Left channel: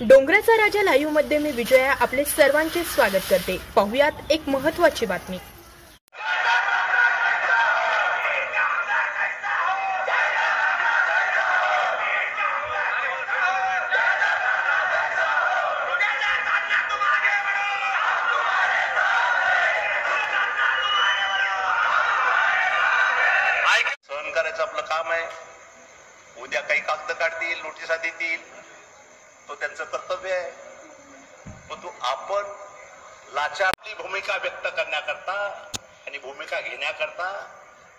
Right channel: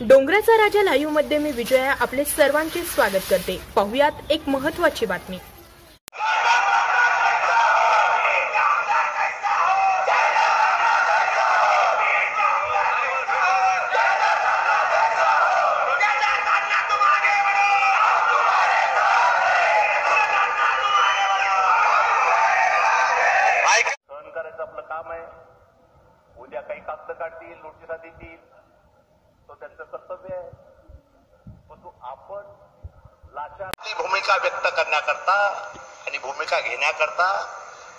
डोंगराचा राजा लाईव्हमध्ये मी विजया आपले सर्वांचे स्वागत करते. पाहुयात एक महत्वाची बातमी. सहन करायचं आपलं काम आहे. उद्या काही कागद काढतील नोटिसा देतील. त्यांचं कर्तव्य आहे. परंतु आपण लाचारली भूमिका व्यक्त करण्याकरता आणि भूमिका घेण्याकरता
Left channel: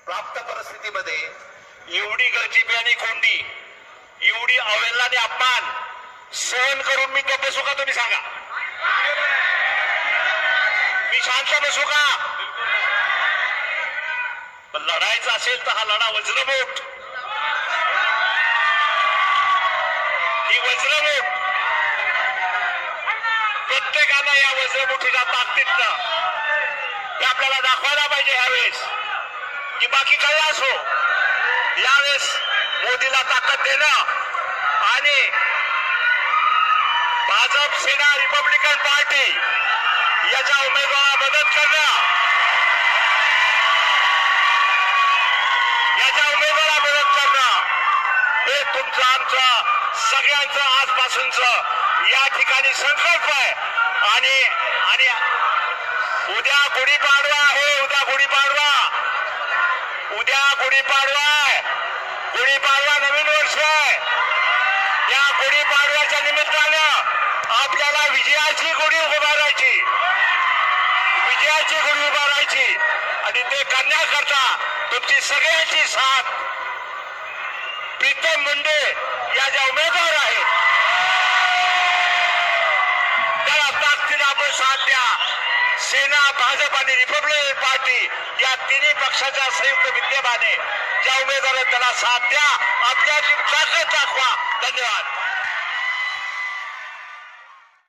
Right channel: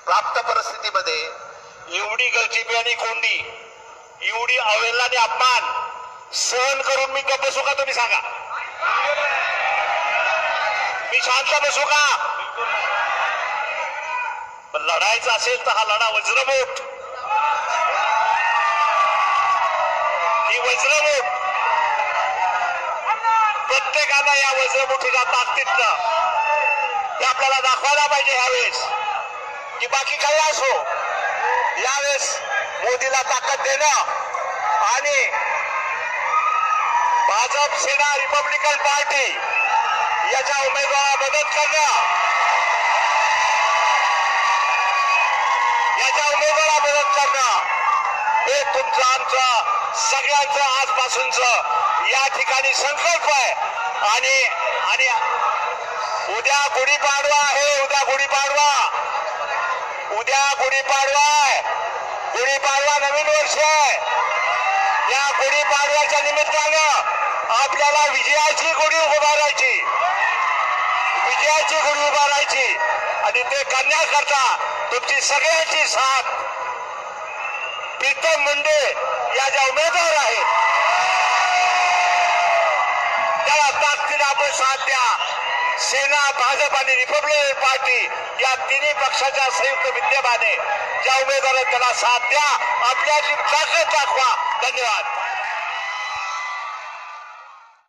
प्राप्त परिस्थितीमध्ये एवढी गळचिपी आणि कोंडी एवढी अवेलना आणि अपमान सहन करून मी गप्प बसू का तुम्ही सांगा? मी शांत बसू का? पण लढायचं असेल तर हा लढा वज्रमोठ. ही वज्रमोठ. प्रत्येकाला या वज्रमुठीच्या ताकदीतनं हे आपल्याला दाखवायला पाहिजे ह्यावेळेस. की बाकी काही असो यावेळेस मोदीला ताकद देणं आणि भाजप सेना रिपब्लिकन पार्टी याच्या उमेदवाराला मदत करणं. याच्या उमेदवाराला मदत करणं. हे तुमचं आमचं सगळ्यांचं आजपासूनच या ठिकाणी संकल्प आहे. आणि आणि उद्या गुढीपाडवा आहे उद्या गुढीपाडवा. उद्या गुढीपाडवा आहे. गुढीपाडवा नवीन वर्ष आहे. या गुढीपाडव्याच्या निमित्तानं आपल्याला विजयाची गुढी उभारायची. विजयाची गुढी उभारायची. आणि ते करण्याकरता तुमची सगळ्यांची साथ प्रीतम मुंडे या ज्या उमेदवार आहेत त्याला ताकदीने आपण साथ द्या. सेना भाजप आणि रिपब्लिकन पार्टी या तिन्ही पक्षाच्या संयुक्त विद्यमाने ज्या उमेदवार त्याला साथ द्या आपल्याची ताकद दाखवा धन्यवाद.